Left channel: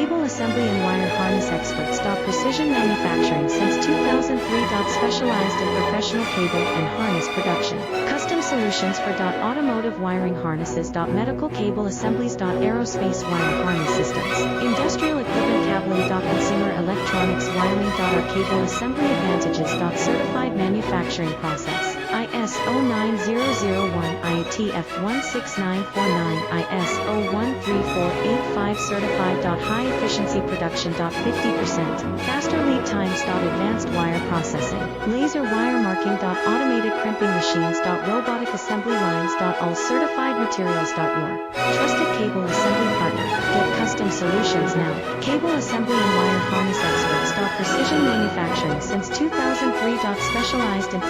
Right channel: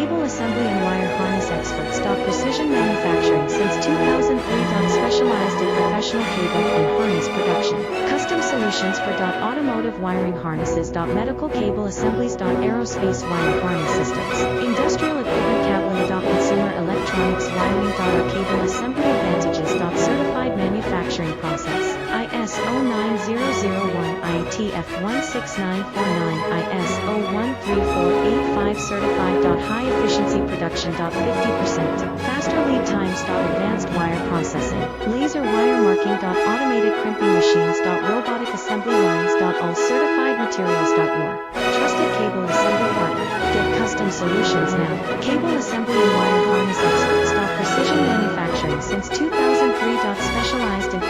Cable assembly and wire harness experts. Precision manufacturing since 2003. Specialized in professional cable and harness production. Custom solutions for automotive wiring harnesses. Medical cable assemblies. Aerospace wire harness systems. Industrial equipment cabling. Consumer electronics wiring. Our cable assembly advantages. Certified manufacturing process. ISO 9001 IATF 16949 ISO 13485 certified. High efficiency production. 50% faster lead times. Advanced wire processing, laser wire marking. Automated crimping machines. Robotic assembly lines. All certified materials. Your trusted cable assembly partner. Get custom solutions now. Cable assembly and wire harness experts. Precision manufacturing since 2003. Specialized in